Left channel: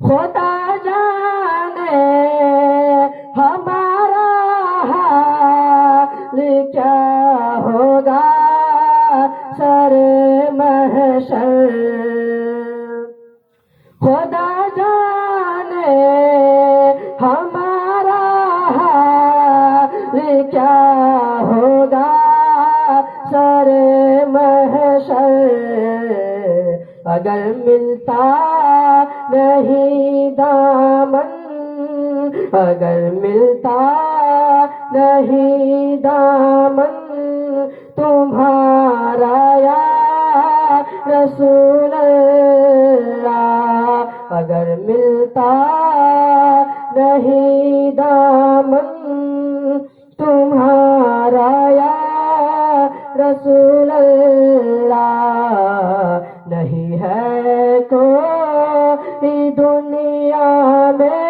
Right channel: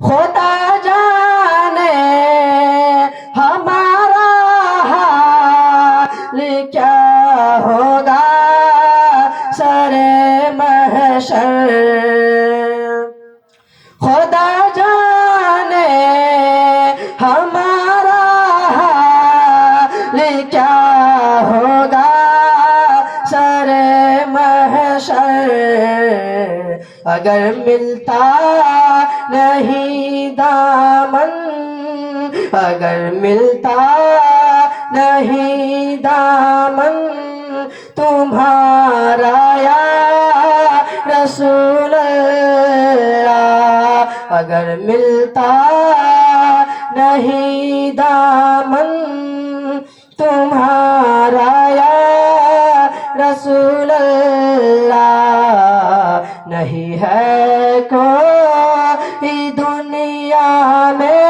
خدا جانے ہمارا حال کیا ہوگا سر محشر، خدا جانے ہمارا حال کیا ہوگا سر محشر، اگر ملتا نہیں دامن، اگر ملتا نہیں دامن تمہارا یا رسول اللہ، اگر ملتا نہیں دامن تمہارا یا رسول اللہ، نہیں ہے کوئی دنیا میں